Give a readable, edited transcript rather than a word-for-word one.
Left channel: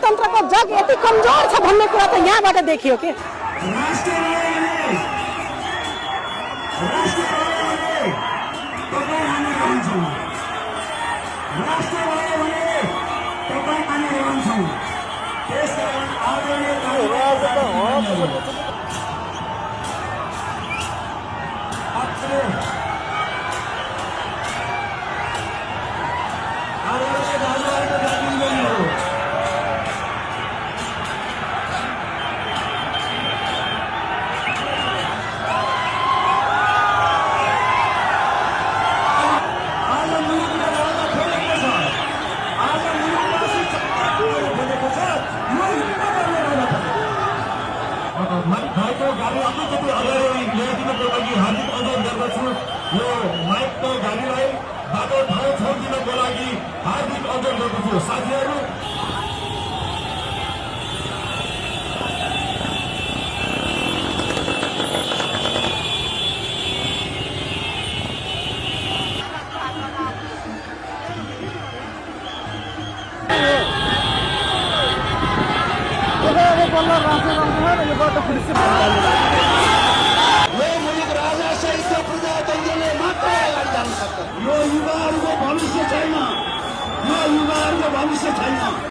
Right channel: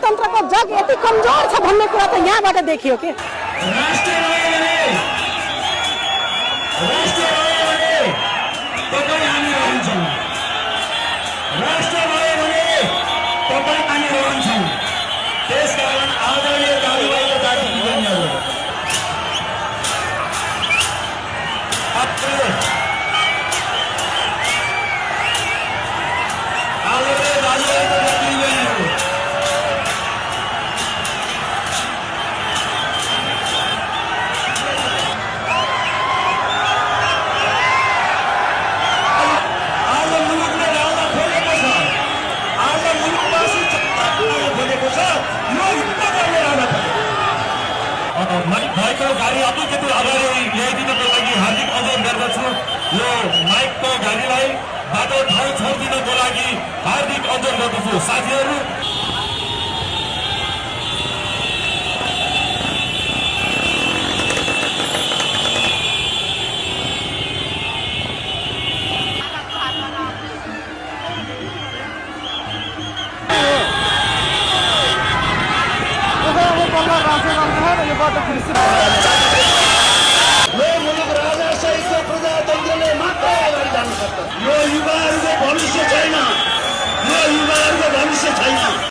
प्रजातन्त्रको जग यति कमजोर छ भन्ने कुरा त यहाँबाट देखियो के। भाइको गाडी अलिकति अगाडि ल्याइदिनको लागि हार्दिक अनुरोध गर्दछु। यो माइकको गाडीलाई बाटो ठाउँ छोडिदिनको लागि हार्दिक अनुरोध गर्दछु। साथीहरू यो युवाहरूको भविष्य छैन, यो युवाहरूको भविष्य छैन।